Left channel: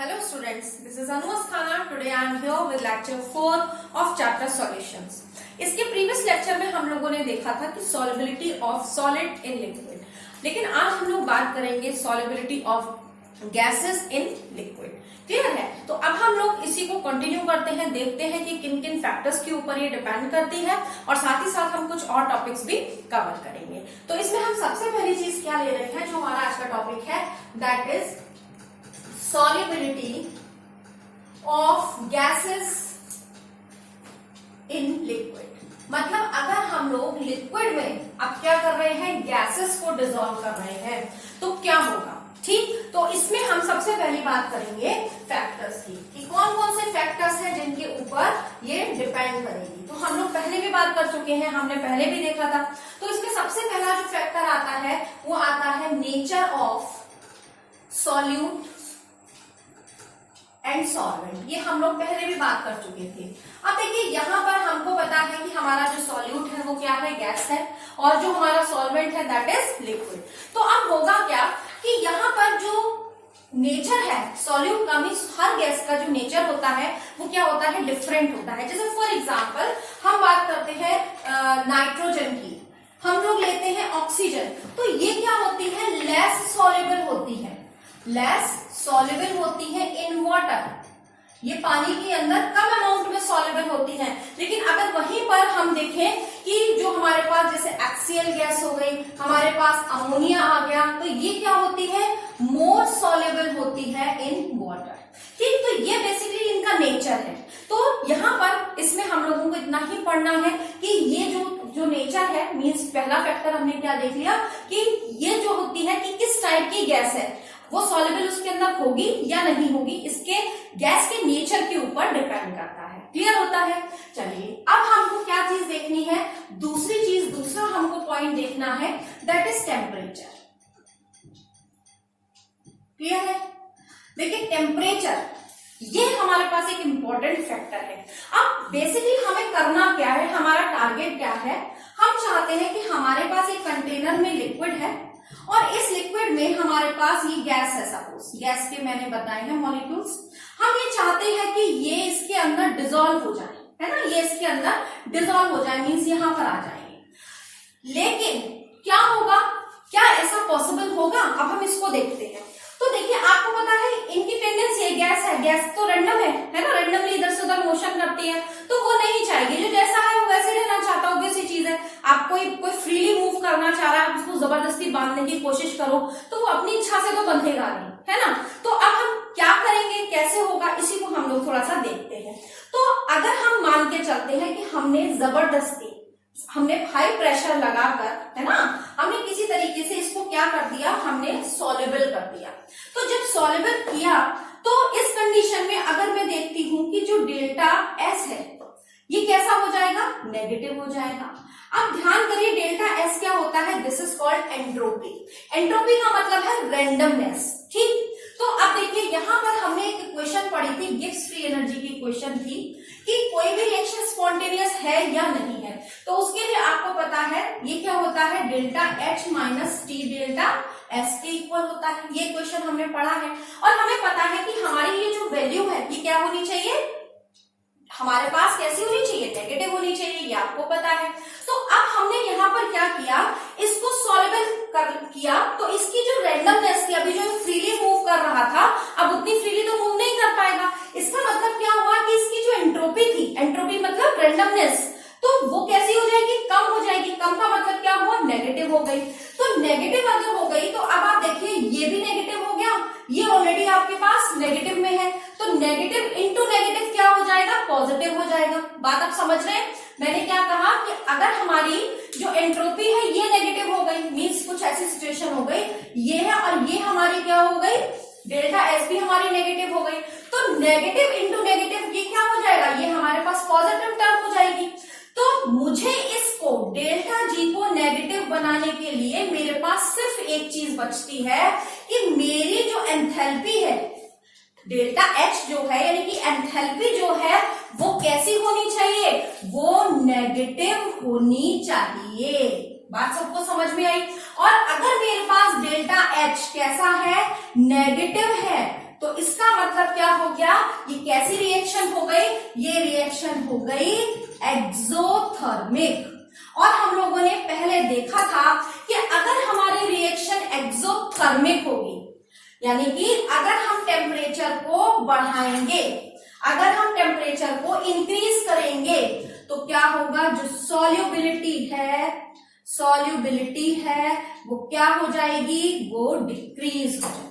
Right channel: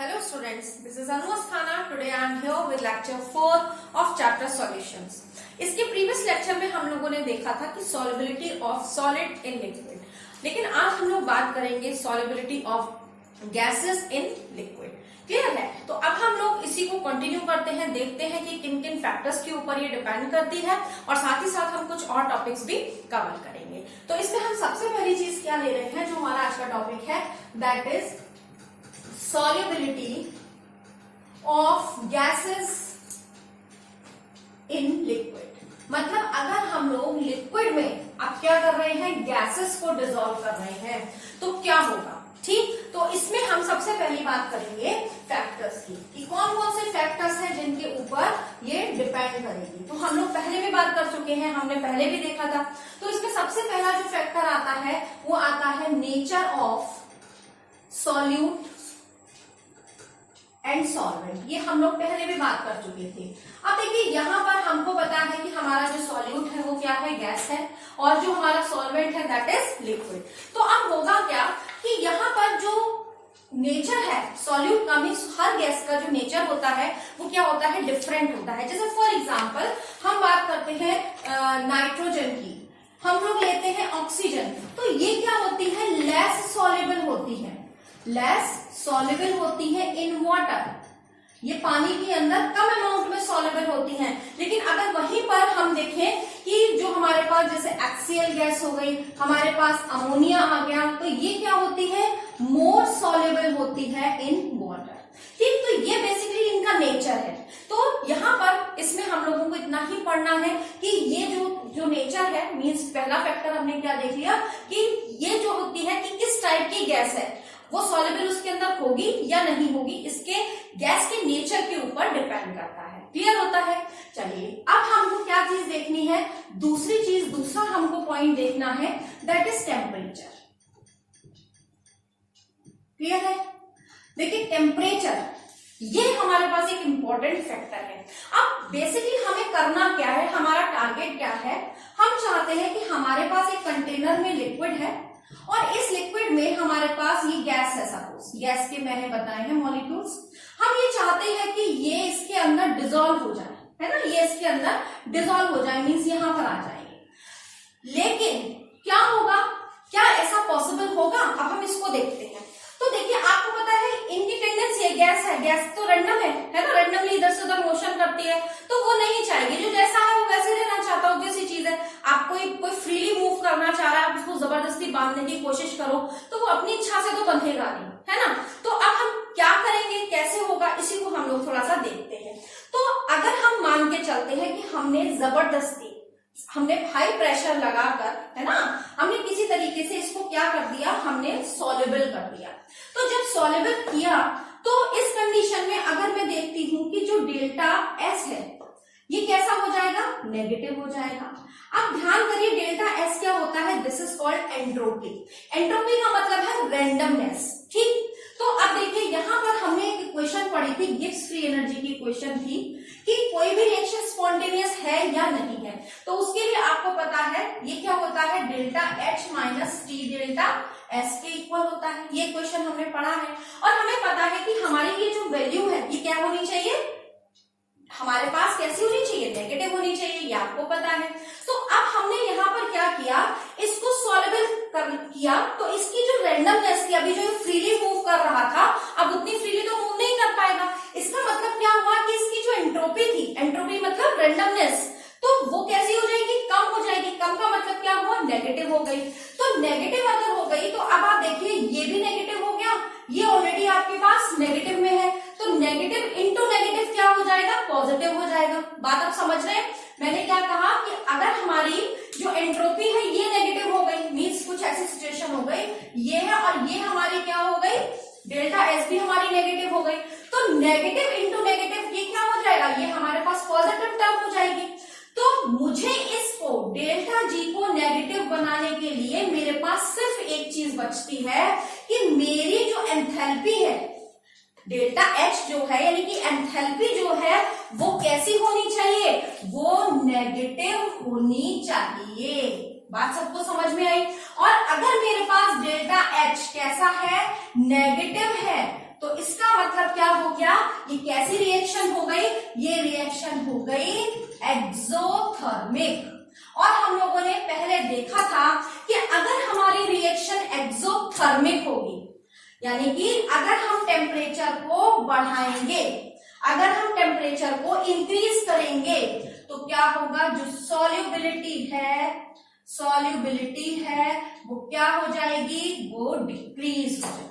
Hello students, this is Anu Asthana. Today I am here with lecture 4 of chapter solutions. इसके previous lecture में हम लोगों ने देखा था कि solubility of solid in liquid, लेकिन आज हम लोग बात करेंगे solubility of gases in liquid. Clear है? तो अब हम लोग इसी को कंटिन्यू करते हैं, देखते हैं कि किन किन फैक्टर्स के ऊपर ये डिपेंड करती है और साथ ही साथ हम कुछ और टॉपिक्स भी कवर करेंगे. तो इसमें हम सबसे पहली चीज क्या ले रहे हैं, जो हमारा आज का टॉपिक है, that is solubility of gases in liquid. मतलब अगर हम लोग लिक्विड में अब क्या कर रहे हैं, गैसेस को डिसॉल्व कर रहे हैं, तो क्या होगा. ठीक, तो इसमें हम सबसे पहली बात करेंगे फैक्टर्स की, कि कौन कौन से फैक्टर्स हैं जिनके ऊपर ये डिपेंड करेगी. तो हम लोग पहले भी बात कर चुके हैं, हमने पहले भी देखा था. तो इसमें सबसे पहला जो फैक्टर आता है वो आता है nature of solute and solvent. ये हम लोग पहले भी बात कर चुके थे. अब देखिए यहाँ पर हमको पता है कि हमारा जो सॉल्यूट है वो क्या है, गैस है, और जो हमारा सॉल्वेंट है दैट इज लिक्विड. तो अब होगा क्या कि यहाँ पर जो नेचर है सॉल्यूट का, मीन्स हर गैस का जो नेचर होता है वो क्या होता है, डिफरेंट होता है. जैसे फॉर एग्जाम्पल हम बात करते हैं नाइट्रोजन की, हम लोग लेते हैं ऑक्सीजन, तो ये क्या होती है, लेस सॉल्युबल होती है, लेस सॉल्युबल होती है इन वाटर. ये पानी के अंदर कम अमाउंट में सॉल्युबल होती है. लेकिन अगर वहीं पर हम देखें कि जो हमारे पास जैसे HCl गैस हो गई, हमारे पास अमोनिया आ गया, तो ये क्या होती है, मोर सॉल्युबल होती है इन वाटर. ठीक, तो ये बेसिकली इनका नेचर है. तो यहाँ पर इसमें हम लोगों को इतना ही पढ़ना है कि ये जो नेचर है, मीन्स पहला फैक्टर हमने क्या देख लिया कि ये जो होती है कि किस टाइप की गैस है, वो सॉल्युबल उसके अंदर होगी या नहीं होगी, इसके गैस के नेचर के ऊपर डिपेंड करता है. क्लियर होता है. चलिए अब हमको क्या चीज देखनी है, दूसरा हमको पॉइंट देखना है, दैट इज टेम्परेचर. क्लियर है. देखिए टेम्परेचर ये हमारे पास एक इंपॉर्टेंट फैक्टर है. अब बेसिकली हमें करना क्या है, हमारा टारगेट क्या है, हम चाहते हैं कि हमारे पास एक कंटेनर में लिक्विड है और इस लिक्विड में हमारे पास ये गैस है, सपोज गैस के मैंने बताए हैं मॉलिक्यूल्स. हम ये चाहते हैं कि ये इसके अंदर डिसॉल्व हो जाए, है ना, ये इसके अंदर डिसॉल्व हो जाए, मीन्स यहां पर आ जाएंगे. लेकिन क्या होगा, क्या ऐसा पॉसिबल होगा, अब हम इसको देखते हैं. तो देखिए आपको पता है इनकी टेंडेंसी है, गैस तो रैंडम है ना, रैंडमली इधर से उधर मोशन करती है, तो वो नहीं चाहेगी, जो जैसा है वो वैसे रहना चाहता, ऑब्वियस सी चीज है. आप कोई फ्रीली मूव करना चाह रहा है, आप उसको जबरदस्ती बांधने की कोशिश करो तो वो अपनी इच्छा से तो बंधेगा नहीं, है ना. तो अब हम क्या करेंगे, कैसे होगा, इसी को हम लोग थोड़ा सा देखते हैं. तो अगर हम मान के चलते हैं कि हमने हाई प्रेशर लगाकर, है ना, हमने किसी तरीके से इसको क्या कर दिया, हमने सॉल्युबल कर दिया. तो जब सॉल्युबल किया तो इस कंडीशन में अगर मैं देखती हूं कि जो डेल्टा एस है ये कैसा हो जाएगा, नेगेटिव हो जाएगा. अब ध्यान करिए डेल्टा एस क्या होता है, this is called entropy. Entropy का मतलब है रैंडमनेस. ठीक, तो अब देखिए यहाँ पर हमने एक इक्वेशन पढ़ी थी, गिब्स फ्री एनर्जी की इक्वेशन थी कि कोई भी रिएक्शन स्पॉन्टेनियस है या नहीं है. तो उसके लिए आपको पता है ये क्या होता है, delta H minus T delta S के इक्वल होता है. ये इक्वेशन हमने पढ़ा है और हमें पता है कि हमारी ये जो वैल्यू है ये क्या होनी चाहिए, हमारे पास कैसी होनी चाहिए, नेगेटिव होनी चाहिए, ये आपको पता है. तो अब हमने यहाँ पर क्या किया, इसको सॉल्युबल किया, तो इसकी जो रैंडमनेस थी, अभी जो फ्रीली मूव कर रहा था, अब उतनी फ्रीली तो मूव नहीं कर पाएगा. इसका मतलब क्या हुआ कि इसकी जो एंट्रोपी थी, एंट्रोपी मतलब रैंडमनेस, तो वो कैसी हो जाएगी, कम हो जाएगी. कम का मतलब क्या हुआ, नेगेटिव हो गई. तो नेगेटिव अगर हो गई तो अब आप देखिए ये भी नेगेटिव हो गया, ये ऑलरेडी आपके पास नेगेटिव में है, तो नेगेटिव इंटू नेगेटिव क्या हो जाएगा, पॉजिटिव हो जाएगा. बात आप समझ रहे हैं. मैंने क्या कहा कि अगर हमारी जो एंट्रोपी है ये नेगेटिव हो गई, मीन्स कुछ ऐसी सिचुएशन हो गई, ये है और ये हमारी क्या हो गई, डेल्टा एस भी हमारी नेगेटिव हो गई, तो नेगेटिव इंटू नेगेटिव ये क्या हो जाएगा, ये हमारे पास पॉजिटिव टर्म हो जाएगी. तो मुझे इसको डेल्टा जी को नेगेटिव बनाने के लिए मेरे पास सिर्फ एक चीज बचती है कि मेरी जो एंथैल्पी है, डेल्टा एच जो है यानी कि एंथैल्पी जो है वो कैसी होनी चाहिए, वो नेगेटिव होनी चाहिए. बात सबको समझ में आई. और अगर मेरे पास डेल्टा एच कैसा है, नेगेटिव है, तो इसका मतलब क्या हो गया, ये कैसी रिएक्शन हो गई, ये रिएक्शन हो गई एक्सोथर्मिक। और हम लोगों ने पहले देखा था कि अगर हमारी रिएक्शन एक्सोथर्मिक होगी, यानी कि अगर हम टेम्परेचर को बढ़ाएंगे, अगर हम टेम्परेचर को इंक्रीज करेंगे, तो क्या होगा, जो सॉल्युबिलिटी है वो क्या हो जाएगी, वो डिक्रीज हो जाएगी।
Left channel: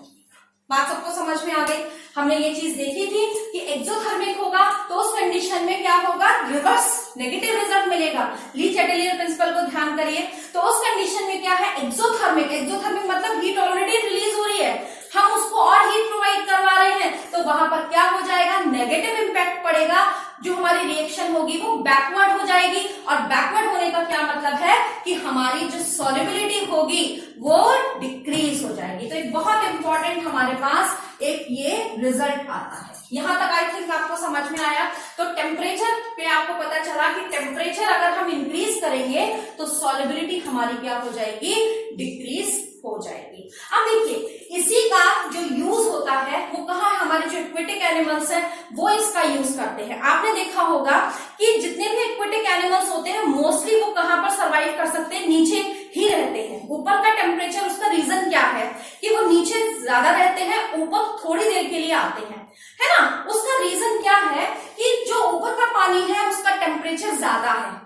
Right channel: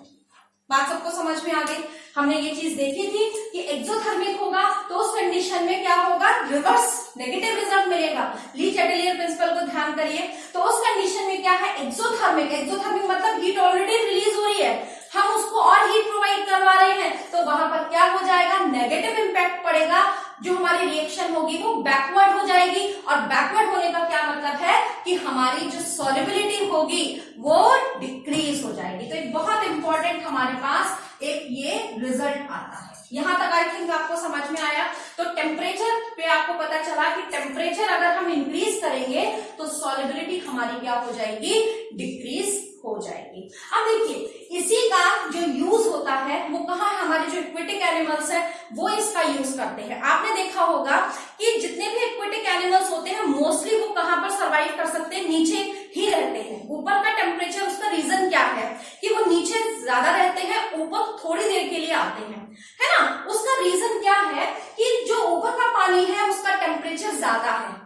बात सबको समझ में आ गई। हमने ये चीज देखी थी कि एक्सोथर्मिक होगा तो उस कंडीशन में क्या होगा, रिवर्स नेगेटिव रिजल्ट मिलेगा। ली चैटेलियर प्रिंसिपल को ध्यान करिए। तो उस कंडीशन में क्या है, एक्सोथर्मिक मतलब हीट ऑलरेडी रिलीज हो रही है, हम उसको और हीट प्रोवाइड करवा रहे हैं, तो वहां पर क्या हो जाएगा, नेगेटिव इंपैक्ट पड़ेगा। जो हमारी रिएक्शन होगी वो बैकवर्ड हो जाएगी, और बैकवर्ड होने का क्या मतलब है कि हमारी जो सॉल्युबिलिटी होगी वो डिक्रीज हो जाएगी। तो एक बहुत इंपॉर्टेंट हमारे पास एक ये रिजल्ट आता है। यहां तक आई थिंक आपको समझ में आया। तो टेम्परेचर पे आपको पता चला कि टेम्परेचर अगर हम इंक्रीज करेंगे तो सॉल्युबिलिटी हमारी क्या हो जाएगी, डिक्रीज हो जाएगी। अब देखिए इसी का जो यूज होता है वो कहाँ, हमारे जो एक्वेटिक एनिमल्स हैं वो इसका यूज करते हैं। आपने देखा होगा कि जितने भी एक्वेटिक एनिमल्स होते हैं मोस्टली वो कहाँ पर सर्वाइव कर सकते हैं, नीचे ही रहते हैं। ऊपर का टेम्परेचर, उसका रीजन क्या है कि वो नीचे ज्यादा रहते हैं, ऊपर थोड़ी देर के लिए आते हैं, है ना। उसका रीजन क्या है कि जो ऊपर का पानी है उसका टेम्परेचर ज्यादा है,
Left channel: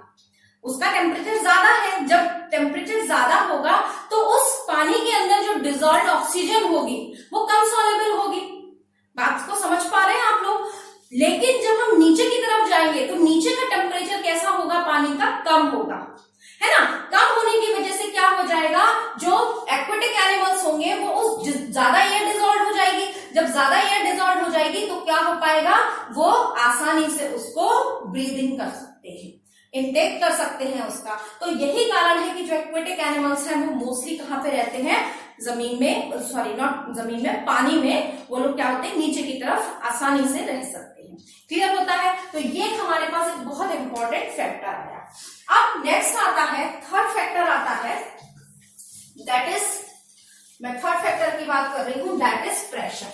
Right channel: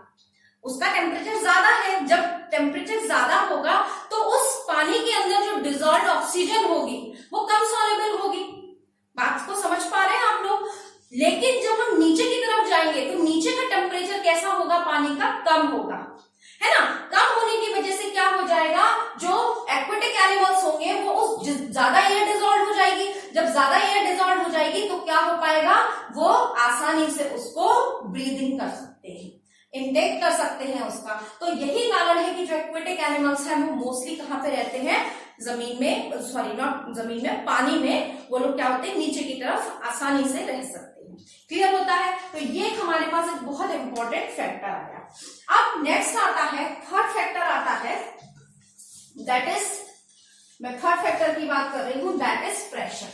उसका टेम्परेचर ज्यादा है। जब टेम्परेचर ज्यादा होगा तो उस पानी के अंदर जो डिजॉल्व्ड ऑक्सीजन होगी वो कम सॉल्युबल होगी। बात को समझ पा रहे हैं आप लोग। लेकिन जब हम नीचे की तरफ जाएंगे तो नीचे का टेम्परेचर कैसा होगा, पानी का कम होगा, है ना। कम होने की वजह से क्या हो जाएगा, जो एक्वेटिक एनिमल्स होंगे वो उस ज्यादा एयर डिजॉल्व हो जाएगी। जब ज्यादा एयर डिजॉल्व हो जाएगी तो क्या हो पाएगा, वो आसानी से उसको ब्रीदिंग कर सकते हैं, इनटेक कर सकते हैं उसका। तो यही कारण है कि जो एक्वेटिक एनिमल्स हैं वो मोस्टली कहाँ पे रहते हैं, जमीन में, सॉरी नॉट जमीन में, पानी में। वो लोग क्या होते हैं, नीचे की तरफ आसानी से रह सकते हैं। क्लियर होता है। तो ये हमारे पास एक बहुत इंपॉर्टेंट फैक्टर आया। अब नेक्स्ट आता है, थर्ड फैक्टर आता है, दैट इज, मैं थर्ड फैक्टर की बात कर रही हूं, दैट इज प्रेशर।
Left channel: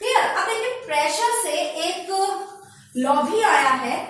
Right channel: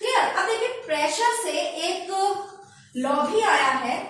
क्लियर। अब देखिए प्रेशर से एक लॉ भी आया है।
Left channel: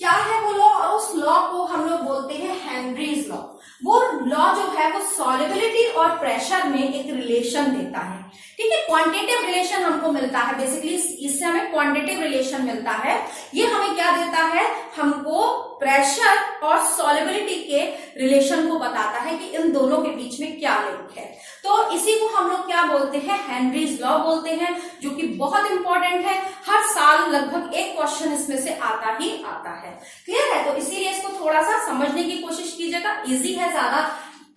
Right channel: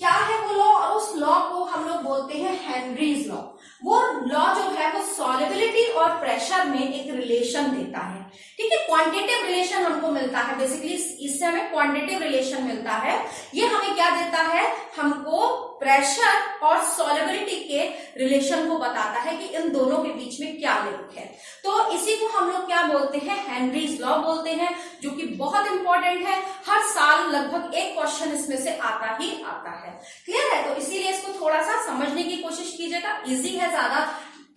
क्या है वो लॉ, उस लॉ को हम लोग बोलते हैं हेनरीज लॉ। वो लॉ जो है वो सॉल्युबिलिटी और प्रेशर में एक रिलेशन देता है। ठीक है, क्वांटिटेटिव रिलेशन हमको मिलता है, बेसिकली इससे हमें क्वांटिटेटिव रिलेशन मिलता है। ये हमें क्या देता है, हमको प्रेशर और सॉल्युबिलिटी के रिलेशन को बताता है कि इन दोनों के बीच में क्या लिंक है। तो इसी को हम लोग क्या बोलते हैं, हेनरीज लॉ बोलते हैं, जो कि बहुत इंपॉर्टेंट है। हर साल लगभग एक क्वेश्चन इसमें से आता ही आता है। क्लियर है। तो इसीलिए इसको थोड़ा सा समझने की कोशिश कीजिएगा, इजी है, ज्यादा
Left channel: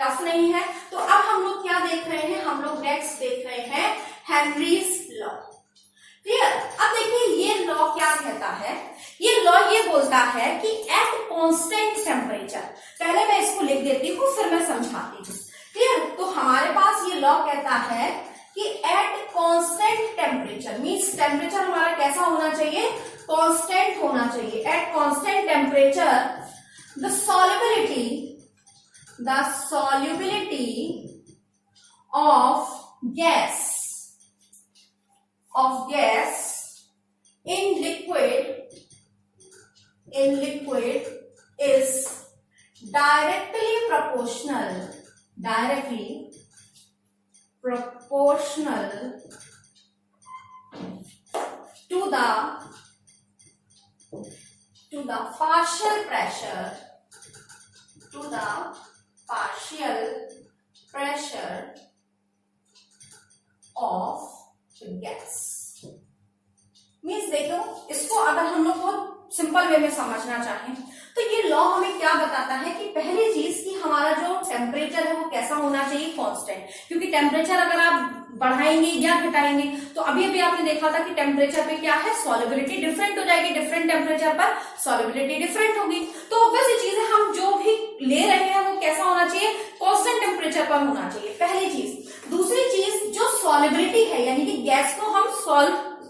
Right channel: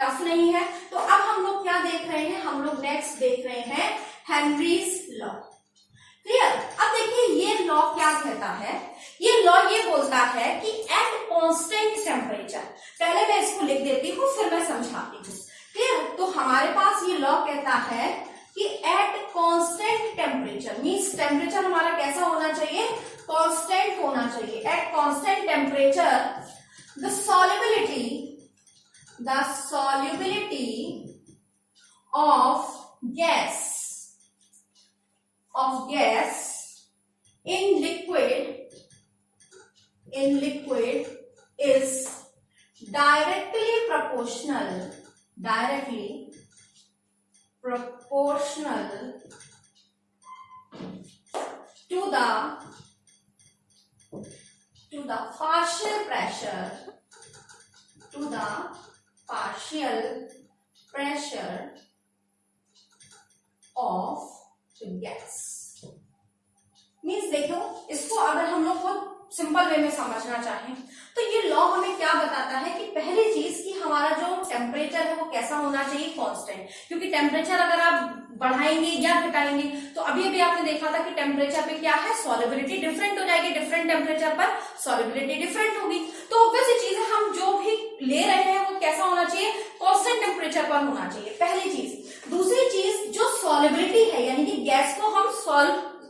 टफ नहीं है। तो अब हम लोग क्या देख रहे हैं, हम लोग नेक्स्ट देख रहे हैं हेनरीज लॉ। क्लियर। अब देखिए ये लॉ क्या कहता है, ये लॉ ये बोलता है कि एट कांस्टेंट टेम्परेचर, पहले मैं इसको लिख देती हूँ फिर मैं समझाती हूँ। क्लियर। तो हमारे पास ये लॉ कहता है कि at constant temperature means temperature हमारा कैसा होना चाहिए, कांस्टेंट होना चाहिए। At constant temperature the solubility of gas in liquid is directly proportional to the partial pressure of gas। Means देखो, इसको अगर हम लोग बहुत सिंपल वे में समझना चाहें तो ये लॉ हमें क्या बताता है कि पहली चीज कि हमारा जो टेम्परेचर है वो कैसा होना चाहिए, कांस्टेंट। क्योंकि टेम्परेचर अगर आप बढ़ाएंगे या घटाएंगे तो अभी आपने देखा था कि टेम्परेचर पे क्या है, सॉल्युबिलिटी डिफरेंट हो जाएगी, डिफरेंट टेम्परेचर पर सॉल्युबिलिटी डिफरेंट होगी। तो ऑब्वियसली चीज है, हम जो भी ले रहे हैं वो कैसा होना चाहिए, कांस्टेंट टेम्परेचर पर होना चाहिए, पहली चीज। दूसरी चीज, जो सॉल्युबिलिटी है यानी कि गैस को हम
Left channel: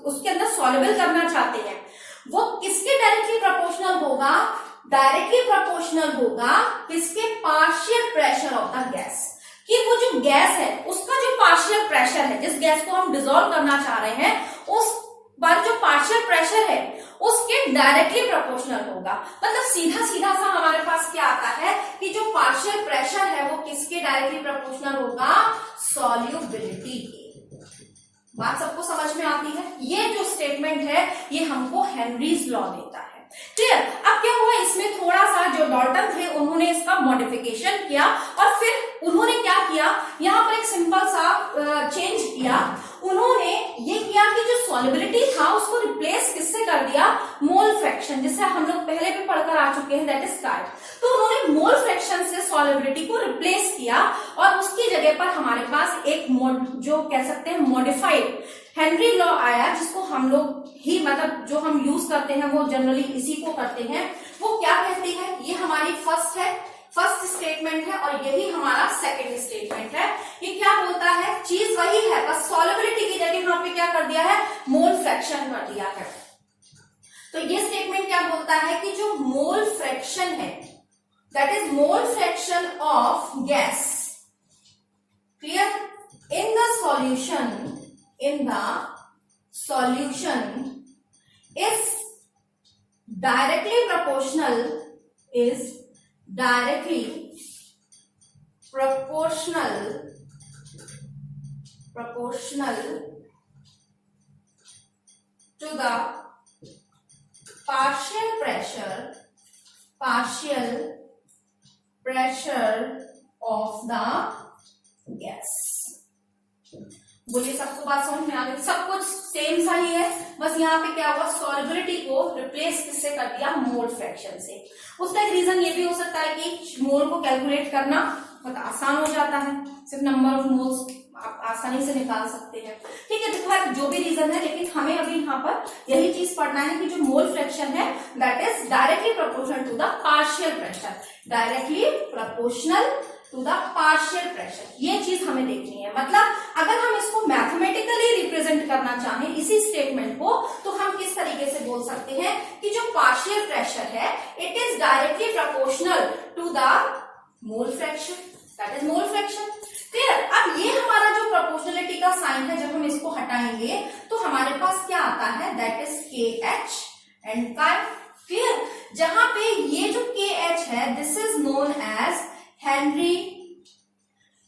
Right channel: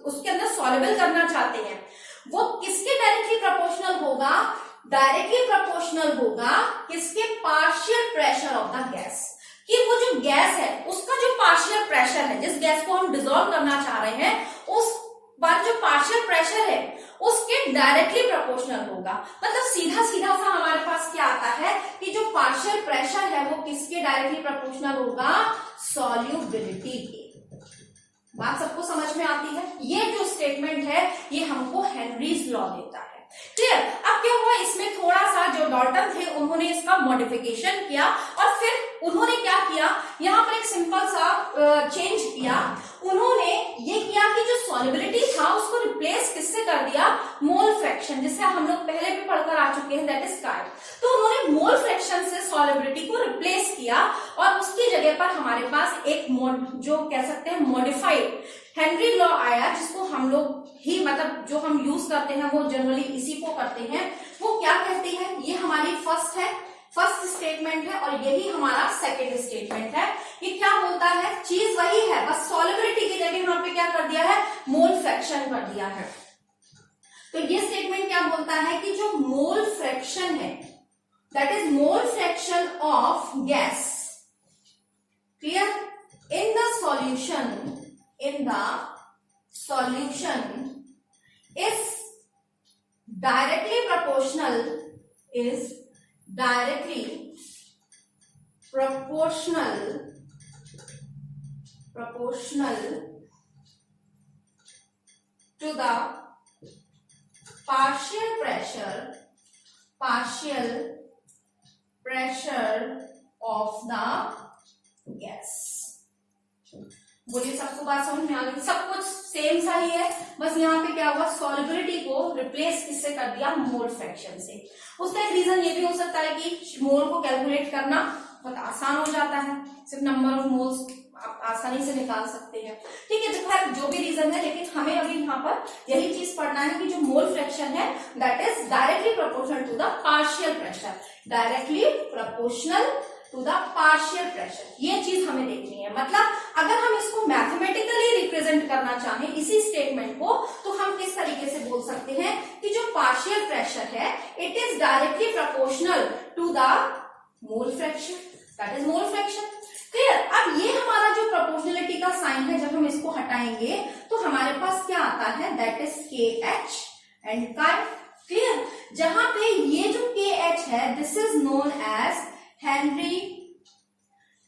उसके अंदर सॉल्युबल करना चाहते हैं, वो किसके डायरेक्टली प्रोपोर्शनल होगा, डायरेक्टली प्रोपोर्शनल होगा किसके, partial pressure of the gas. कि वो जो गैस है उसका जो पार्शियल प्रेशर है, जिस गैस को हम डिसॉल्व करना चाह रहे हैं, उस पार्शियल प्रेशर है उसके डायरेक्टली प्रोपोर्शनल होगा। मतलब सीधा सीधा सा हमारे पास क्या आता है कि जो पार्शियल प्रेशर है वो किसके डायरेक्टली प्रोपोर्शनल होगा, सॉल्युबिलिटी के। बात सबको समझ में आती है। ये जो स्टेटमेंट है ये हमको हेनरीज लॉ देता है। क्लियर। अब क्या हुआ, इसमें थोड़ा सा जो डॉल्टन थे उन्होंने इसका मॉडिफिकेशन किया और फिर उन्होंने क्या किया, यहाँ पर एक सिंपल सा चेंज किया। उन्होंने ये किया कि जो सॉल्युबिलिटी था उसको रिप्लेस किससे कर दिया, मोल फ्रैक्शन, जिसे हम लोग पहले भी पढ़कर आ चुके हैं, दैट इज कार्ड। तो उन्होंने मोल फ्रैक्शन से सॉल्युबिलिटी को रिप्लेस किया और उसकी जगह पर हमारे पास एक जो कह सकते हैं मॉडिफाइड हेनरी लॉ आया, जिसको हम लोग ही मतलब जो हम यूज करते हैं वो जनरली इसी को करते हैं। वो क्या कहती है, ये हमारी फर्स्ट स्टेटमेंट है और यही हमारा सेकंड स्टेटमेंट है। ये क्या बोलता है, चीज वही है, बस सॉल्युबिलिटी की जगह यहाँ पे क्या कर दिया है, मोल फ्रैक्शन कर दिया है। तो ये स्टेटमेंट क्या बोलता है कि जो मोल फ्रैक्शन है that is mole fraction of gas, clear, in the solution is directly proportional to the partial pressure of the gas। बोलिए, सबको बात समझ में आ गई? सब कुछ सेम सा ही है, बस यहाँ पे क्या हुआ, सॉल्युबिलिटी को रिप्लेस किससे कर दिया, मोल फ्रैक्शन से। उसका एक रीजन ये भी हो सकता है कि मोल को कैलकुलेट करना बहुत आसान हो जाता है, सिर्फ नंबर ऑफ मोल्स आप आसानी से निकाल सकते हैं। ठीक है, देखो जो भी रीजन है, लेकिन हमें अभी यहाँ पर यही चीज पढ़ना है कि जो मोल फ्रैक्शन है that is directly proportional to the partial pressure, directly proportional to the partial pressure. ये चीज हमें देखनी है। मतलब अगर हम इसको मैथमेटिकली रिप्रेजेंट करना चाहें इसी स्टेटमेंट को, तो हम किस तरीके से बोल सकते हैं कि जो पार्शियल प्रेशर है it is directly proportional to the mole fraction, that is mole fraction. Clear. अब ये हमारा जो प्रोपोर्शनलिटी का साइन है, जब हम इसको हटाएंगे तो हमारे पास क्या आता है, that is K H and chi. Clear. जहां पे ये जो के एच है this is known as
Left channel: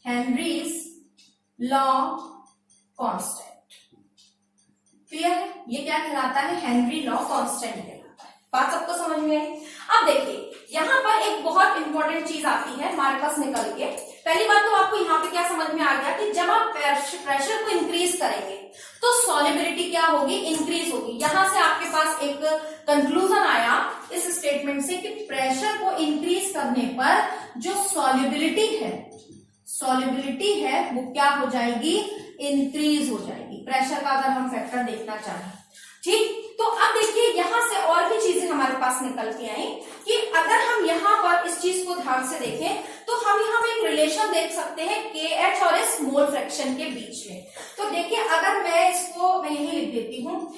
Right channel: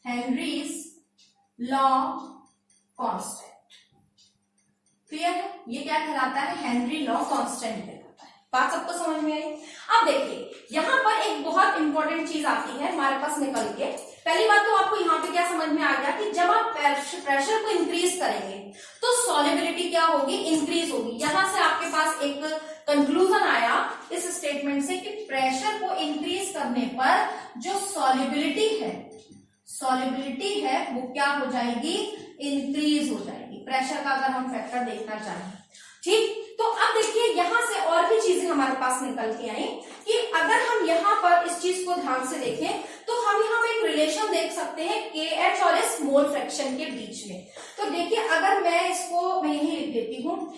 Henry's law constant. Clear है, ये क्या कहलाता है, हेनरी लॉ कांस्टेंट कहलाता है। बात सबको समझ में आई? अब देखिए यहां पर एक बहुत इंपॉर्टेंट चीज आती है हमारे पास निकल के। पहली बात तो आपको यहाँ पे क्या समझ में आ गया कि जब आप प्रेशर को इंक्रीज करेंगे तो सॉल्युबिलिटी क्या होगी, इंक्रीज होगी। यहां से आपके पास एक कंक्लूजन आया इस स्टेटमेंट से कि प्रेशर को इंक्रीज करने पर जो सॉल्युबिलिटी है वो क्या हो जाएगी, इंक्रीज हो जाएगी। प्रेशर का अगर हम फैक्टर देखना चाहें, ठीक। तो अब देखिए यहां से और भी चीजें हमारे पास निकल के आई कि अगर हम यहाँ पर इस चीज को ध्यान से देखें तो हम यहाँ पे एक रिलेशन देख सकते हैं के एच और इस मोल फ्रैक्शन के बीच में। तो देखिए अगर मैं इसको मैं यही लिख देती हूँ,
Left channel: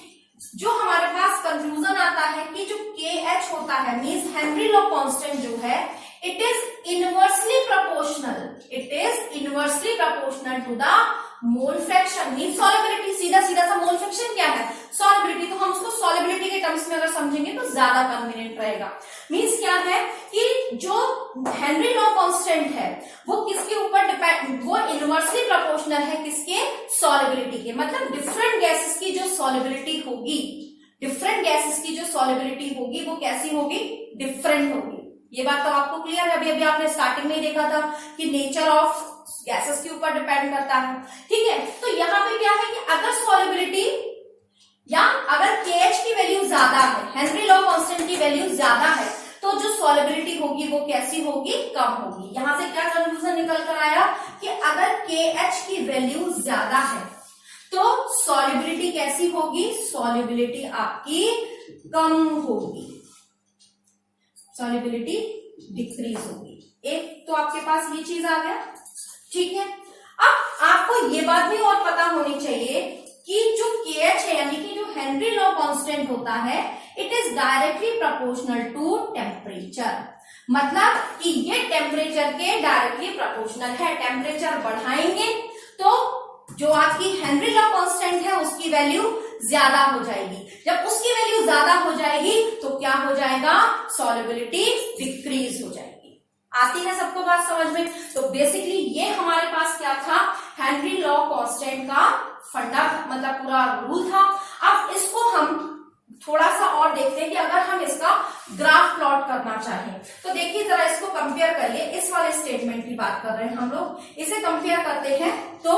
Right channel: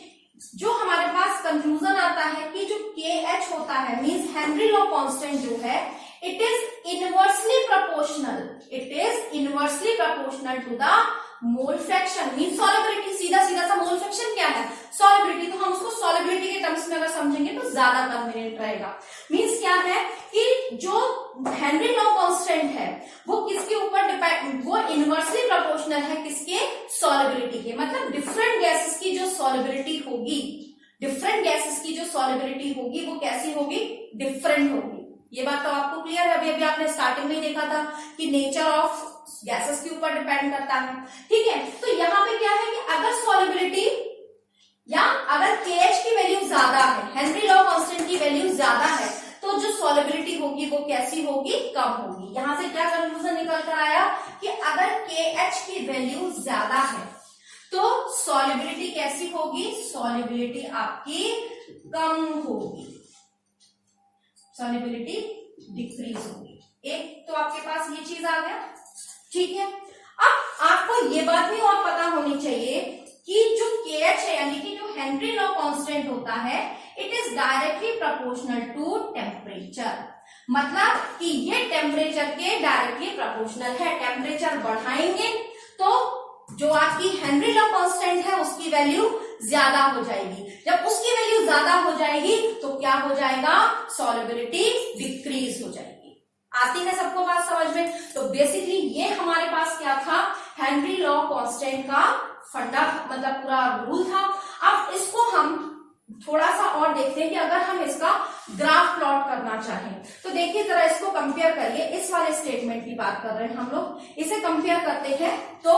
जो हमारे पास कंक्लूजन आता है कि जो के एच होता है मीन्स हेनरी लॉ कांस्टेंट जो है it is inversely proportional to the mole fraction mean solubility. सीधा सा मोल फ्रैक्शन क्या है, सॉल्युबिलिटी। तो हम उसको सॉल्युबिलिटी के टर्म्स में अगर समझेंगे तो ज्यादा कन्वीनियंट रहेगा। मीन्स क्या है कि जो हेनरी लॉ कांस्टेंट है वो किसके ऊपर डिपेंड, वो इनवर्सली प्रोपोर्शनल है किसके, सॉल्युबिलिटी के। मतलब डिफरेंट गैसेस की जो सॉल्युबिलिटी होगी वो कैसी होगी, डिफरेंट होगी। ये बात तो आपको क्लियर है। अभी आपने स्टार्टिंग में ही देखा था कि नेचर ऑफ गैसेस के ऊपर डिपेंड करता है। ठीक है, तो यहाँ पे क्या है कि अगर सॉल्युबिलिटी या अगर KH की वैल्यू ज्यादा है, हेनरी लॉ कांस्टेंट की वैल्यू ज्यादा है, तो जो सॉल्युबिलिटी होगी वो कैसी होगी, कम होगी। यहां से क्या कंक्लूजन निकल कर आया कि अगर KH की वैल्यू ज्यादा है तो सॉल्युबिलिटी कैसी होगी, सॉल्युबिलिटी आपकी कम होगी, सॉल्युबिलिटी डिक्रीज होगी। एक तो आपके पास ये चीज आ गया। ठीक है, अब आपको ये बात भी और पता होनी चाहिए कि जो KH है यानी कि जो हेनरी लॉ कांस्टेंट होता है it is directly proportional to temperature. मतलब कि ये टेम्परेचर के डायरेक्टली प्रोपोर्शनल है। टेम्परेचर बढ़ाएंगे तो जो आपकी हेनरी लॉ कांस्टेंट है उसकी वैल्यू ज्यादा हो जाएगी। जब उसकी वैल्यू ज्यादा हो जाएगी तो क्या हो जाएगा, सॉल्युबिलिटी डिक्रीज हो जाएगी। आती है सबको बात समझ में? तो बेसिकली ये हमारे पास क्या था, हेनरी लॉ कांस्टेंट का फंडा मतलब पूरा रूल था। अब इसको हम थोड़ा सा और देखते हैं कि अगर हम इसका ग्राफ प्लॉट करना चाहें तो देखिए जरा इसको कंपेयर करिए। इस वाले स्टेटमेंट की बात कर रहे हैं हम लोग, इसे कंपेयर करते हैं तो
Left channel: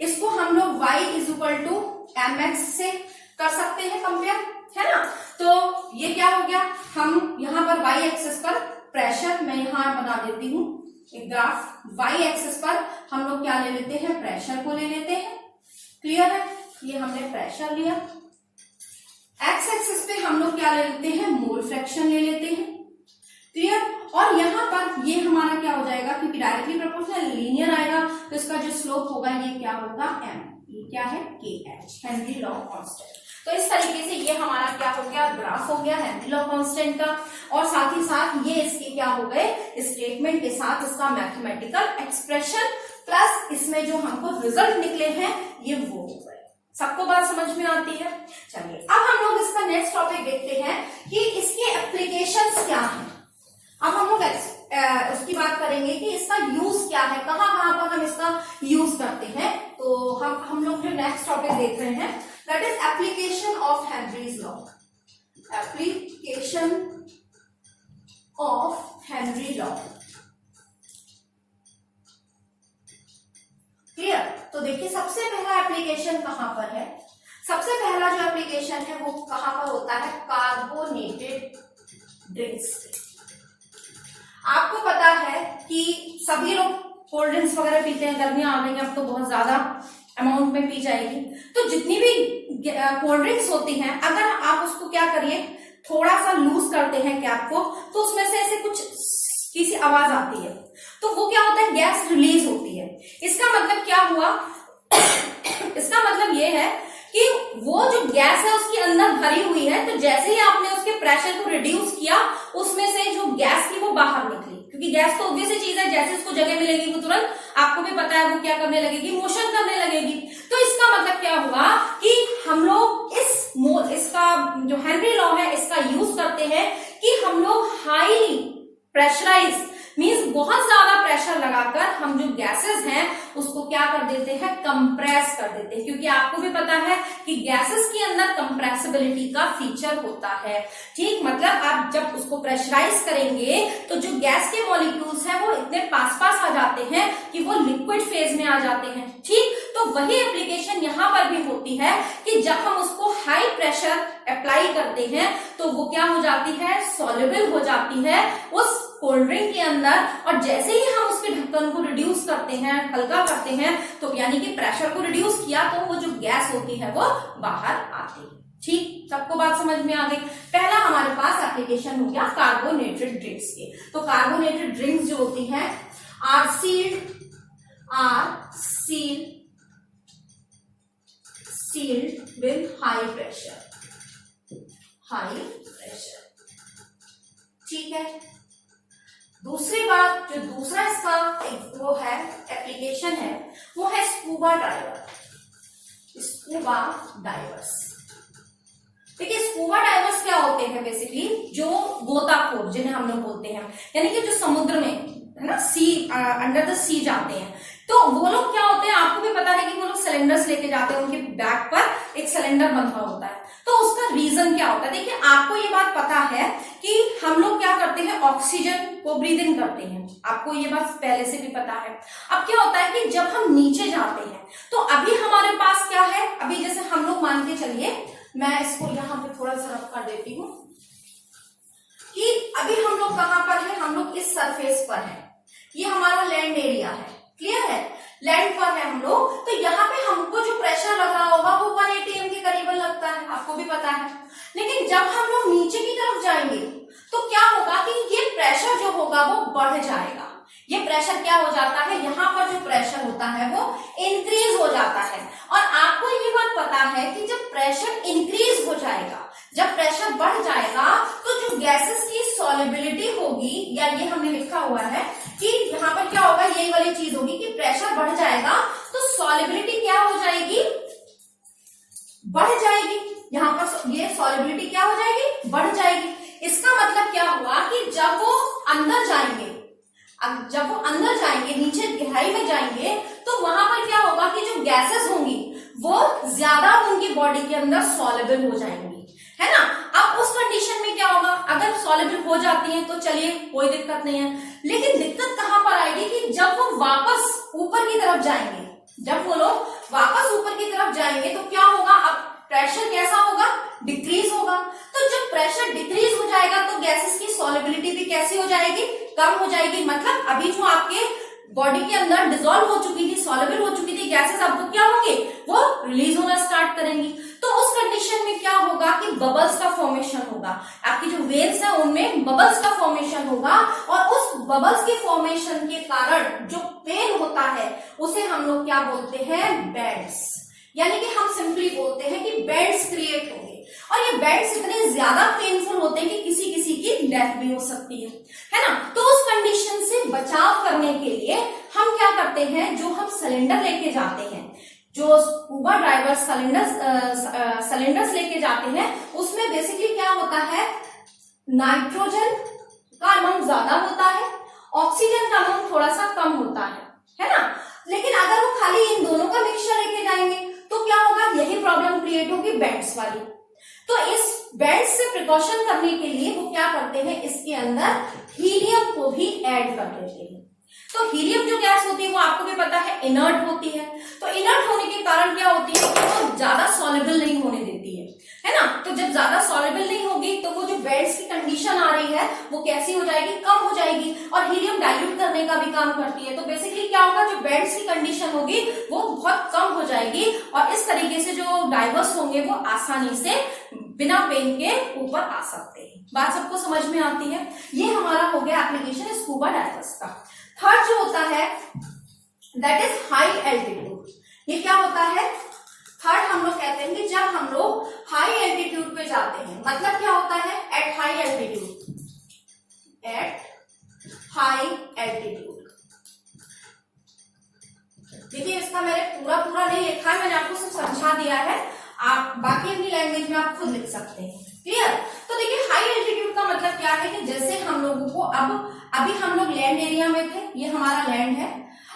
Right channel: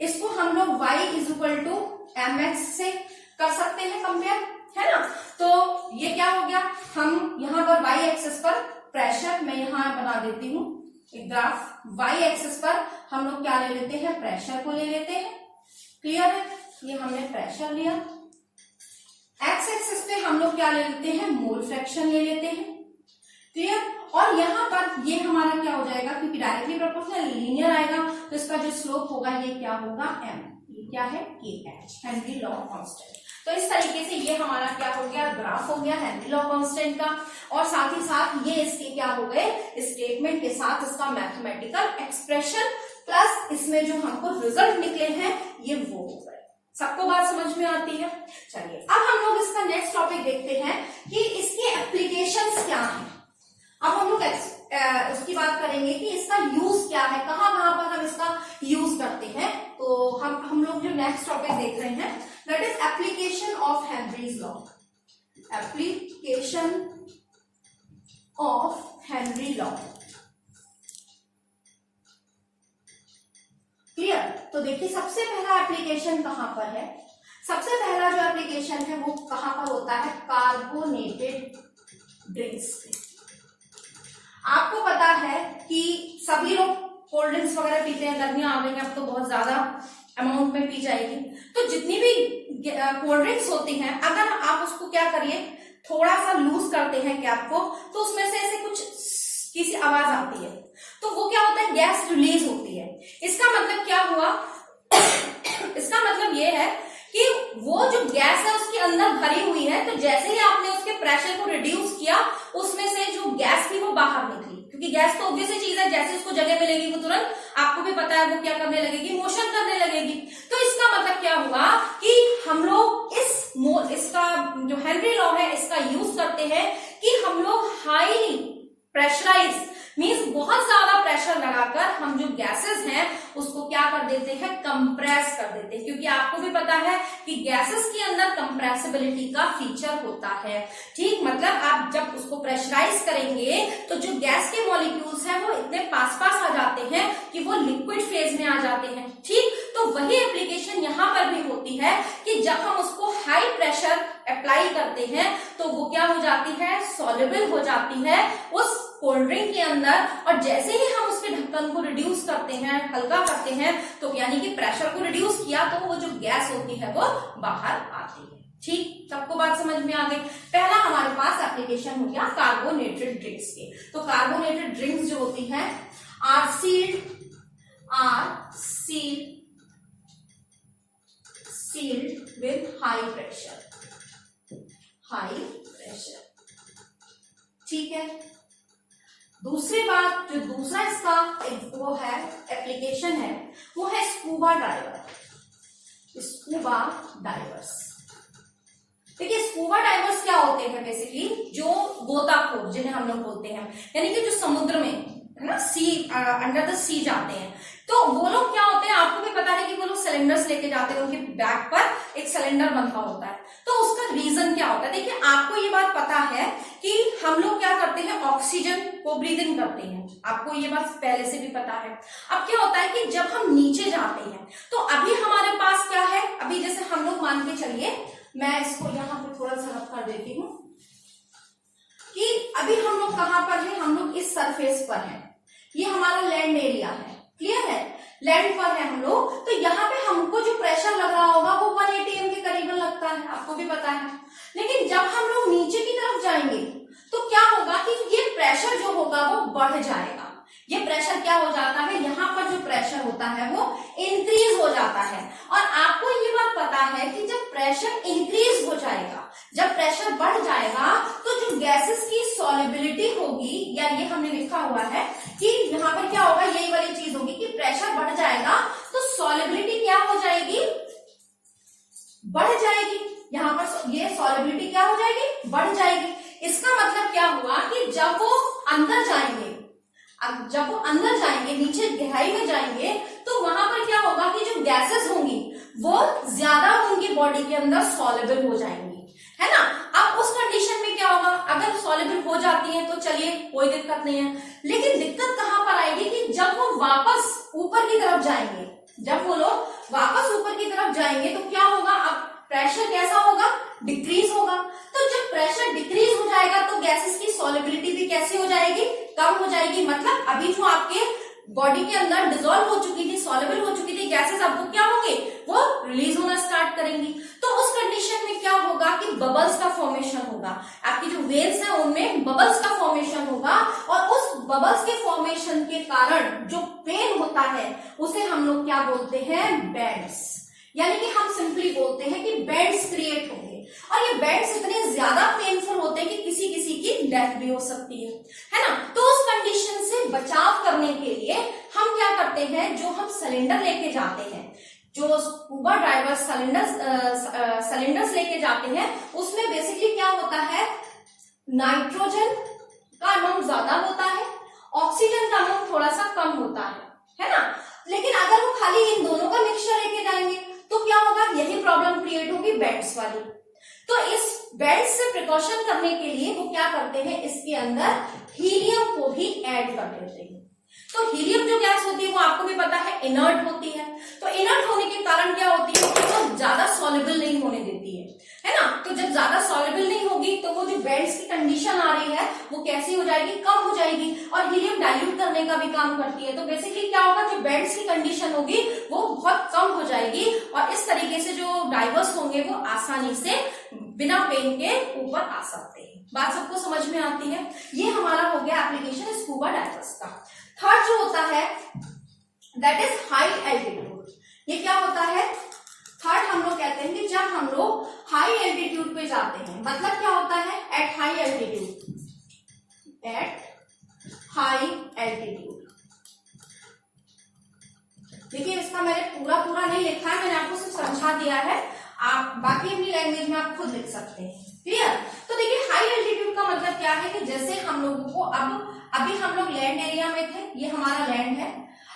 इसको हम लोग y is equal to mx से कर सकते हैं कंपेयर, है ना। तो ये क्या हो गया, हम यहाँ पर y एक्सिस पर प्रेशर, मैं यहाँ बना देती हूँ एक ग्राफ, y एक्सिस पर हम लोग क्या ले लेते हैं, प्रेशर को ले लेते हैं। क्लियर है, ये हमने प्रेशर लिया। x एक्सिस पे हम लोग क्या ले लेते हैं, मोल फ्रैक्शन ले लेते हैं। क्लियर, और यहाँ पर ये हमारा क्या हो जाएगा, क्योंकि डायरेक्टली प्रोपोर्शनल लीनियर आएगा तो इसका जो स्लोप होगा ये क्या होगा, m, ये क्या है, kh, हेनरी लॉ कांस्टेंट। तो इस तरीके से ये हमारा क्या हो गया, ग्राफ हो गया हेनरी लॉ कांस्टेंट का, और साथ ही साथ ये इसके क्या हो गए, स्टेटमेंट के साथ इसका मैथमेटिकल एक्सप्रेशन प्लस इसमें जो हमको रिजल्ट निकले हैं ये वो हो गए। सबको बात समझ में आती है? चलिए अब हम लोग इसका नेक्स्ट टॉपिक देखते हैं कि इसके एप्लीकेशंस क्या हैं। अब हम लोग उसकी बात करेंगे कि इसका यूज क्या है, कहाँ कहाँ पर हम इसका यूज करते हैं। तो हम लोग जो नेक्स्ट टॉपिक देख रहे हैं that is application of Henry's law. Application of Henry law. Clear, तो देखिए सबसे पहला एप्लीकेशन कहां पर है, सबसे पहला जो एप्लीकेशन है वो कहां पर होता है, कार्बोनेटेड ड्रिंक्स। आपको पता है कि सभी लोग कोल्ड ड्रिंक्स वगैरह पीते हैं, गर्मियां आ गई अब तो बहुत ज्यादा अमाउंट में पी जाएगी। तो जितनी भी कोल्ड ड्रिंक्स होती हैं अगर आप उसको क्या करिए, थोड़ा सा लूज करते हैं कैप को, तो उसमें से ऐसे कुछ की सी आवाज आती है, तो वो क्या होता है, गैस रिलीज होती है। इसका मतलब क्या हुआ इसका मतलब ये है कि वो जो गैस है उसके अंदर भरी हुई है, तो जैसे ही आपने उसके प्रेशर को रिड्यूस किया उसमें से जो गैस थी वो बाहर निकली, क्योंकि गैस तो ऑब्वियस चीज है, जैसे उसको जगह मिलेगी वो तुरंत आपको भी पता है वो क्या करने लगेगी, मोशन करने लगेगी। तो इसका मतलब क्या हुआ कि हम लोग इसका जो हेनरी लॉ है इसका यूज करते हैं कि हम लोग हाई प्रेशराइज मींस बहुत ज्यादा प्रेशर लगाकर हम जो गैसेस हैं उसको क्या कर देते हैं, कंप्रेस कर देते हैं, क्योंकि आपको भी पता है कि गैसेस के अंदर कंप्रेसिबिलिटी का फीचर होता है। ठीक, मतलब आप जब उसको प्रेशराइज करेंगे तो जो गैस के मॉलिक्यूल्स हैं वो इतने पास पास आ जाते हैं कि वो लिक्विड फेज में आ जाते हैं। ठीक, तो वही एप्लीकेशन यहाँ पर भी होती है कि जब हम उसको हाई प्रेशर अप्लाई करते हैं तो वो क्या हो जाती है, सॉल्युबल हो जाती है उस कोल्ड ड्रिंक के अंदर, और जैसे ही हम उसके ढक्कन को रिड्यूस करते हैं, हल्का करते हैं, तो यानी कि प्रेशर को रिड्यूस किया तो वो जो गैस होती है वो बाहर आती है। ठीक, सबको बात समझ में आ गई। पहला हमारे पास एप्लीकेशन हो गया कार्बोनेटेड ड्रिंक्स के। तो कार्बोनेटेड ड्रिंक्स जो होती हैं are sealed with high pressure. ठीक है, दूसरी बात जो दूसरा इसका वो है एप्लीकेशन है वो है स्कूबा डाइवर्स। देखिए स्कूबा डाइवर्स क्या होते हैं, बेसिकली जो गोताखोर जिन्हें हम लोग बोलते हैं, यानी कि जो समुद्र में है ना, सी अंडर द सी जाते हैं, तो वो लोग क्या होते हैं, आपको भी पता है कि वो लोग सिलेंडर्स लेके जाते हैं, उनके बैक पर एक सिलेंडर बंधा होता है। तो उसका रीजन क्या होता है, देखिए आपको ये बात पता है कि हम लोग क्या करते हैं, ऑक्सीजन को ब्रीद इन करते हैं, आपको ये बात पहले से भी पता है। अब क्या होता है कि जब हम नीचे जाते हैं तो अभी हमारे पास क्या है, अभी जैसे हम लोग मान के चलिए, मैं इसको यहाँ पे थोड़ा सा रख कर देती हूँ कि अभी हम लोग कहाँ पर है, हम लोग इस सरफेस पर है, ये हमारा लैंड एरिया है। क्लियर है, लैंड पर है हम लोग, तो यहाँ पे हमको जो प्रेशर लग रहा होगा वो 180 atm के करीबन लगता है, आपको भी पता है। लेकिन जब हम लोग नीचे की तरफ जाएंगे तो क्या होगा कि ये प्रेशर जो होगा वो बढ़ जाएगा। ये प्रेशर क्या हो जाता है, यहाँ पर जो प्रेशर होता है वो इंक्रीज हो जाता है। और आपको ये बात पता है कि जब प्रेशर इंक्रीज हो जाएगा, जब प्रेशर बढ़ जाएगा, तो जो गैसेस की सॉल्युबिलिटी होगी, या ये हमने लिखा हुआ है कि यहाँ पर क्या होगा, यही वाली चीज होगी कि प्रेशर बढ़ जाएगा तो सॉल्युबिलिटी क्या हो जाएगी, बढ़ जाएगी। यहाँ पर ये सॉलिबिलिटी क्या हो जाएगी, बढ़ जाएगी। इसका मतलब क्या हुआ कि जब वो अंदर जाएंगे, नीचे गहराई में जाएंगे, तो वहां पर क्या होगा कि जो गैसेस होंगी वो ज्यादा उनकी बॉडी के अंदर सॉलेबल हो जाएंगी, है ना। अब उस कंडीशन में क्या होगा, अगर सॉलेबल हो जाती है तो चलिए कोई दिक्कत नहीं है, लेकिन दिक्कत कहां पर आएगी कि जब वो वापस ऊपर की तरफ जाएंगे, जब वो लोग वापस ऊपर की तरफ जाएंगे तो क्या होगा, अब प्रेशर कैसा होगा, डिक्रीज होगा। तो जब प्रेशर डिक्रीज हो जाएगा तो गैसेस की सॉलिबिलिटी भी कैसी हो जाएगी, कम हो जाएगी। मतलब अभी जो आपके बॉडी के अंदर डिसॉल्व हो चुकी थी, सॉलिबल हो चुकी थी गैसेस, अब तो क्या होंगे, वो रिलीज होना स्टार्ट करेंगी। तो उस कंडीशन में क्या होगा कि बबल्स का फॉर्मेशन होगा, आपकी जो वेव्स है उनमें बबल्स का फॉर्मेशन होगा, और उस बबल्स के फॉर्मेशन के कारण जो पेन होता है उसे हम लोग क्या बोलते हैं, बेंड्स। यानी कि हम सिंपली बोलते हैं कि बेंड्स क्रिएट होंगे, और ये बेंड्स इतने ज्यादा पेनफुल होते हैं कि किसी किसी की डेथ भी हो सकती है ना। तो उस कंडीशन से बचाव करने के लिए हम क्या करते हैं, जो हम सिलेंडर लेके जाते हैं, जो स्कूबा डाइवर सिलेंडर्स लेके जाते हैं, उसमें बेसिकली क्या होता है, नाइट्रोजन का अमाउंट ज्यादा होता है, ऑक्सीजन का अमाउंट थोड़ा सा कम होता है ना। लेकिन अगर वो खाली इन दोनों का मिक्सचर लेके जाएंगे तो क्या होगा, यही प्रॉब्लम क्रिएट होगी बेंड्स वाली। तो इस बेंड्स से प्रिकॉशन करने के लिए वो क्या करते हैं, इसके अंदर हीलियम को भी ऐड कर देते हैं। तो हीलियम जो गैस होती है वो आपको भी पता है इनर्ट होती है, तो इनर्ट होने के कारण क्या होती है कि वो ज्यादा सॉल्युबल नहीं होने देती है ना। तो जब ज्यादा सॉल्युबल नहीं होगी तो वो जो बेंड्स की कंडीशन आ रही है वो कैसी हो जाएगी, कम हो जाएगी, और हीलियम डाइल्यूट करने का भी काम करती है। तो बेसिकली क्या होगा, जो बेंड्स की कंडीशन होगी वो बहुत कम हो जाएगी, और इस तरीके से जो डाइवर्स होंगे वो आसानी से बिना पेन के ऊपर आ सकते हैं। बात सबको समझ में आती है। ये हमारा हो गया एप्लीकेशन स्कूबा डाइवर्स का। थर्ड जो होता है दैट इज हाई एल्टीट्यूड। ये क्या होता है, थर्ड हम लोग कहते हैं कि जब हम लोग हाई एल्टीट्यूड पे जाते हैं, मतलब क्या होता है, at high altitude, high altitude. देखिए इसका मैंने पूरा नहीं लिखा है, मैंने आपको सिर्फ समझा दिया है, आप बाकी अपनी लैंग्वेज में आप खुद लिख सकते हैं। क्लियर। तो देखिए हाई एल्टीट्यूड का मतलब क्या है कि जैसे हम लोगों को अभी हम लोग लैंड एरिया में थे, ये हमारा लैंड है,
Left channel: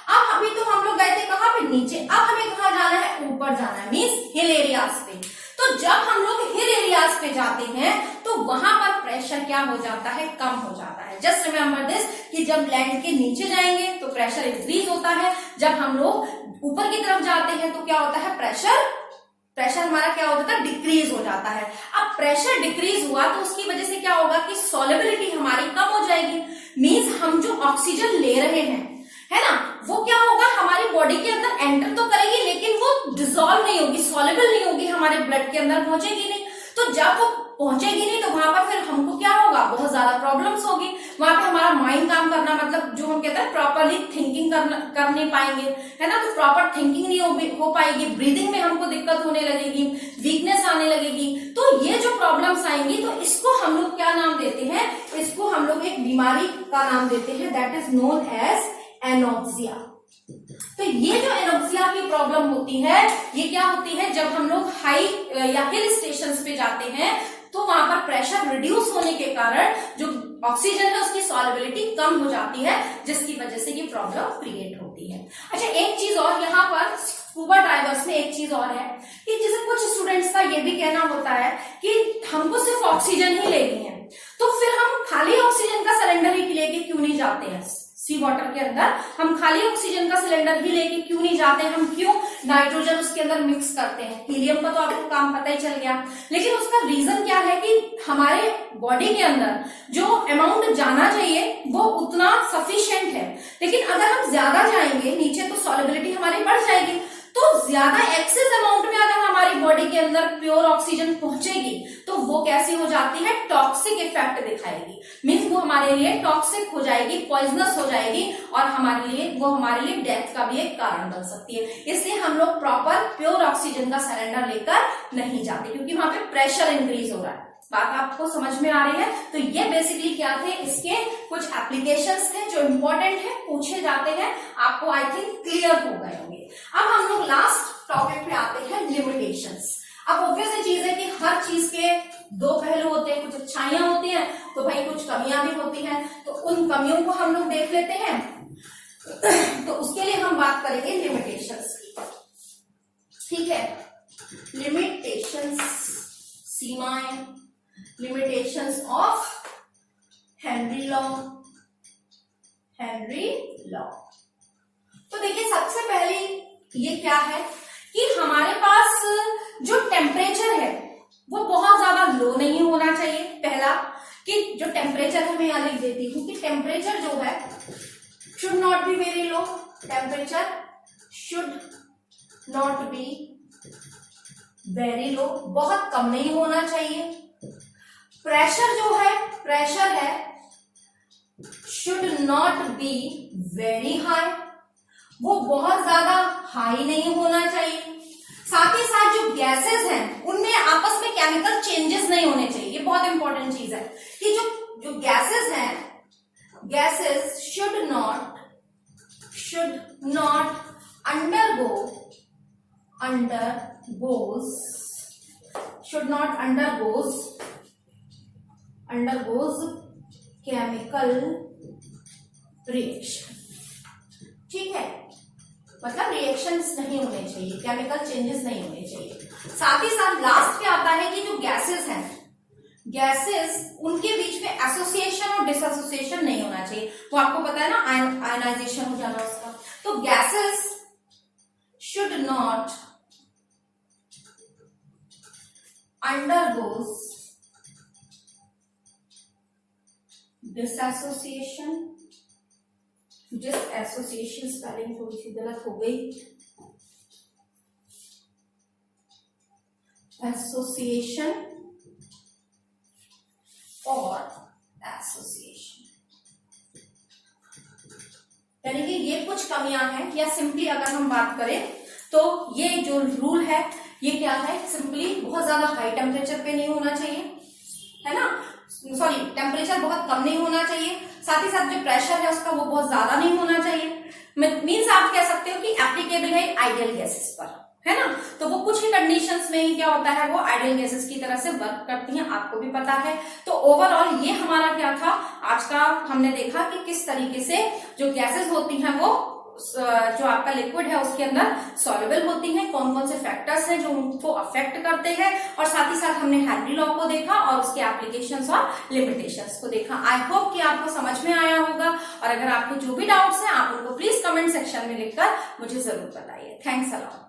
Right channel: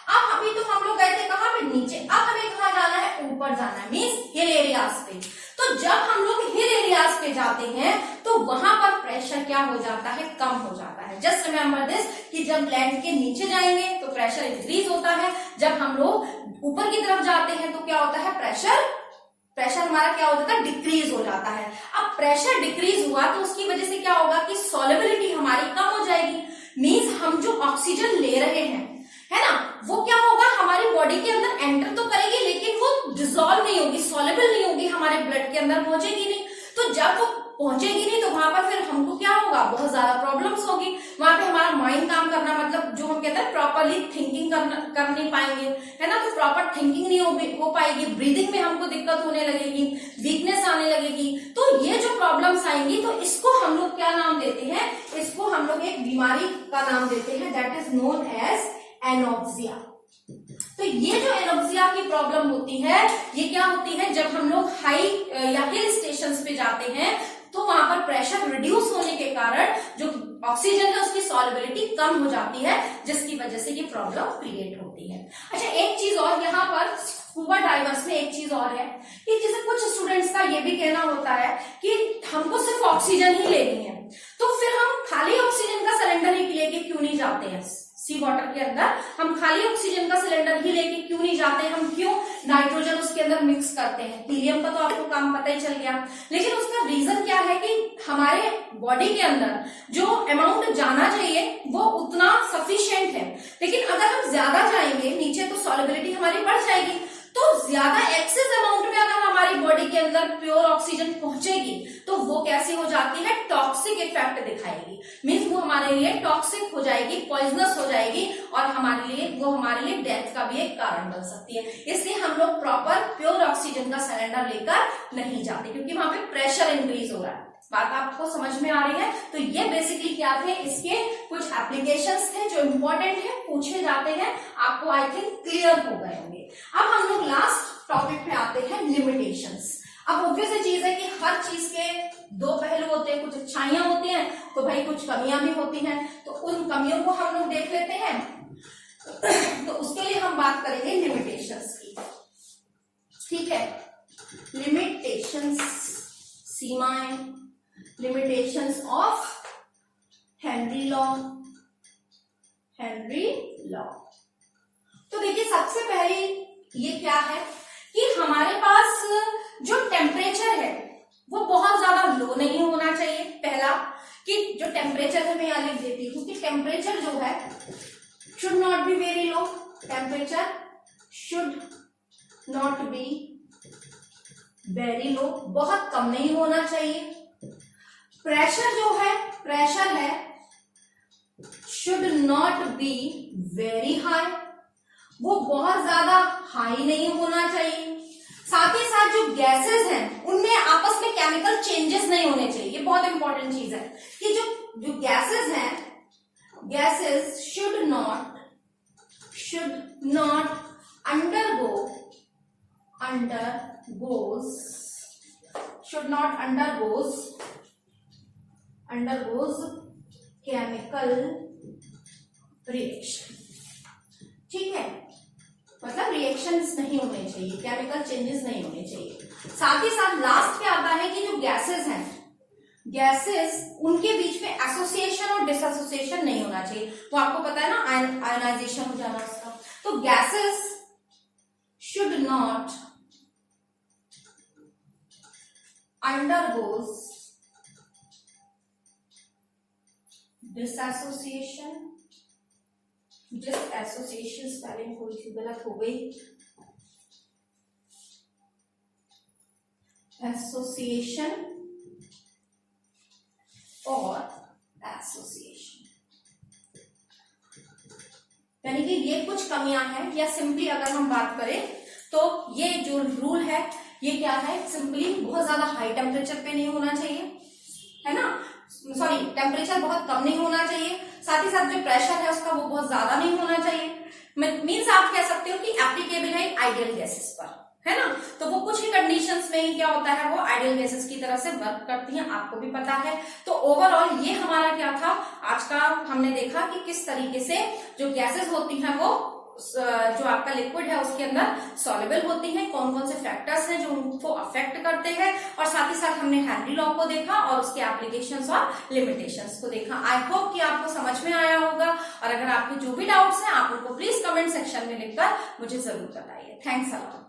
अब अभी तो हम लोग गए थे कहां पे, नीचे, अब हमें कहां जाना है, ऊपर जाना है, मींस हिल एरियाज पे। तो जब हम लोग हिल एरियाज पे जाते हैं तो वहां पर प्रेशर क्या हो जाता है, कम हो जाता है। जस्ट रिमेंबर दिस कि जब लैंड के नीचे जाएंगे तो प्रेशर इंक्रीज होता है, जब हम लोग ऊपर की तरफ जाते हैं तो क्या होता है, प्रेशर हमारा क्या हो जाता है, डिक्रीज हो जाता है। अब प्रेशर डिक्रीज हुआ तो उसकी वजह से क्या होगा कि सॉल्युबिलिटी हमारी कम हो जाएगी, मींस हम जो ऑक्सीजन ले रहे हैं, है ना, वो क्या होगा, हमारी बॉडी के अंदर एंटर तो करेगी लेकिन वो डिसॉल्व नहीं होगी, सॉल्युबल नहीं होगी, हमारे ब्लड के अंदर पहुंचेगी नहीं। तो जब वो पहुंचेगी नहीं तो वहां पर फिर हमको क्या होगा, बहुत ज्यादा प्रॉब्लम्स होगी, वहां पे हमारा माइंड काम करना, मतलब जो हम कहते हैं प्रॉपरली थिंकिंग कर नहीं पाएंगे, है ना। तो प्रॉपर थिंकिंग नहीं हो पाएगी, ब्रीदिंग में हमको दिक्कत होने लगेगी, वीकनेस आने लगेगी। तो ये जो प्रॉब्लम्स आएंगी तो इसको हम लोग क्या नाम देते हैं, इसको हम लोग एक बीमारी का नाम देते हैं, that is known as anoxia. तो ये जो एनोक्सिया की प्रॉब्लम होती है, ये क्या होती है, जब हम लोग हाई या हिल स्टेशंस पे जाते हैं तो वहां पर प्रेशर रिड्यूस होने के कारण जो ऑक्सीजन है उसकी सॉल्युबिलिटी कम हो जाती है, जिसकी वजह से ये प्रॉब्लम क्रिएट होती है। अच्छा, एक चीज और यहाँ पर स्कूबा डाइवर्स में एक चीज और है कि जैसे कुछ स्टूडेंट्स का ये भी कहना होता है कि हमको सिर्फ ऑक्सीजन ही लेनी है, तो फिर हम खाली ऑक्सीजन का सिलेंडर ही लेके क्यों नहीं जाते हैं सी वाटर के अंदर, हम खाली ऑक्सीजन का सिलेंडर ही लेके क्यों नहीं जाते हैं, हम क्यों नाइट्रोजन उसके अंदर मिक्स करते हैं। हीलियम का तो आपको काम पता ही चल गया, लेकिन उसका रीजन क्या है कि हमारे बॉडी के अंदर जो अमाउंट जाना चाहिए वो उतना सफिशिएंट है, लेकिन अगर हम ज्यादा जाएंगे नीचे तो सॉल्युबिलिटी हमारी बढ़ जाएगी। तो ज्यादा एक्सेस अमाउंट में अगर हमारी बॉडी के अंदर प्योर ऑक्सीजन पहुंचेगी तो वो कैसी हो जाती है, टॉक्सिक इफेक्ट दिखाएगी, मीन्स वो हमारे लिए टॉक्सिक हो जाएगी, पॉइजनस हो जाएगी, और वो हमारे लिए डेथ का भी एक कारण बन सकती है। इसलिए हम लोग प्रॉपर प्योर ऑक्सीजन का सिलेंडर लेकर नहीं जाते, क्योंकि वहां पे प्रेशर इंक्रीज हो रहा है। बात आपको समझ में आ रही है। तो ये बेसिकली क्या थे, इसके कुछ एप्लीकेशंस थे जो इंपॉर्टेंट है, पूछे जाते हैं, आपको आई थिंक क्लियर हो गए होंगे। अब हम लोग लास्ट टॉपिक पे आते हैं, लिमिटेशंस। अब ऑब्वियस चीज है कि हर चीज के दो पहलू होते हैं, कुछ अच्छाइयां होती हैं तो भाई कुछ कमियां भी होती हैं, तो उन कमियों को हम लोग देख लेते हैं। तो उसके लिए हम बात करेंगे लिमिटेशंस की, ठीक है। लिमिटेशंस, सीमाएं, limitations of Henry law. Henry law, तो देखिए सबसे पहले ये क्या है कि हमारे पास जो टेम्परेचर है वो बहुत ज्यादा लो नहीं होना चाहिए। पहला कि जो टेम्परेचर है, मैं यहां लिख देती हूं कि टेम्परेचर जो है should not be very low. Temperature should not be very low, बहुत कम नहीं होना चाहिए। प्रेशर जो है, प्रेशर है should not be very high, वो बहुत ज्यादा हाई नहीं होना चाहिए। साथ ही साथ जो गैसेस हैं उनमें आपस में केमिकल चेंजेस नहीं होने चाहिए। ये बहुत इंपॉर्टेंट चीज है कि जो गैसेस हैं, gases should not undergoes chemical reaction, ठीक है। मतलब रिएक्शंस नहीं होने चाहिए, केमिकल चेंजेस नहीं होने चाहिए। साथ ही साथ लास्ट क्या आता है कि जो गैसेस हैं, गैसेस उनके बीच में एसोसिएशन और डिसएसोसिएशन नहीं होना चाहिए। वो आपको पता है ना, आयनाइजेशन हो जाना उसका। तो gases should not undergoes dissociation, dissociation spelling थोड़ी सी गलत हो गई, एसोसिएशन और एसोसिएशन, यानी कि ये कुछ कमियां हैं। या सिंपली अगर हम बात करें तो ये जो रूल है ये क्या है, सिंपली बहुत ज्यादा हाई टेम्परेचर पे नहीं होना चाहिए, है ना, सॉरी टेम्परेचर बहुत कम नहीं होना चाहिए। साथ ही साथ जो प्रेशर है उसका वो बहुत ज्यादा नहीं होना चाहिए। मीन्स आप कह सकते हो कि एप्लीकेबल है आइडियल गैसेस पर, है ना। तो वो कुछ ही कंडीशंस में ही क्या होता है, वो आइडियल गैसेस की तरह से वर्क करती हैं, आपको भी पता है। तो ओवरऑल ये हमारा क्या था आज का, हमने देखा कि किस तरीके से जो गैसेस होती हैं वो जो आपका लिक्विड है उसके अंदर सॉल्युबल होती हैं, कौन कौन से फैक्टर्स हैं जो उनको अफेक्ट करते हैं, और साथ ही साथ हमने हेनरी लॉ को देखा और उसके एप्लीकेशंस और लिमिटेशंस को देखा। आई होप कि आपको समझ में आया होगा, और अगर आपके जो भी डाउट्स हैं आप उनको प्लीज कमेंट सेक्शन में लिखकर मुझे जरूर बताइए। Thanks a lot.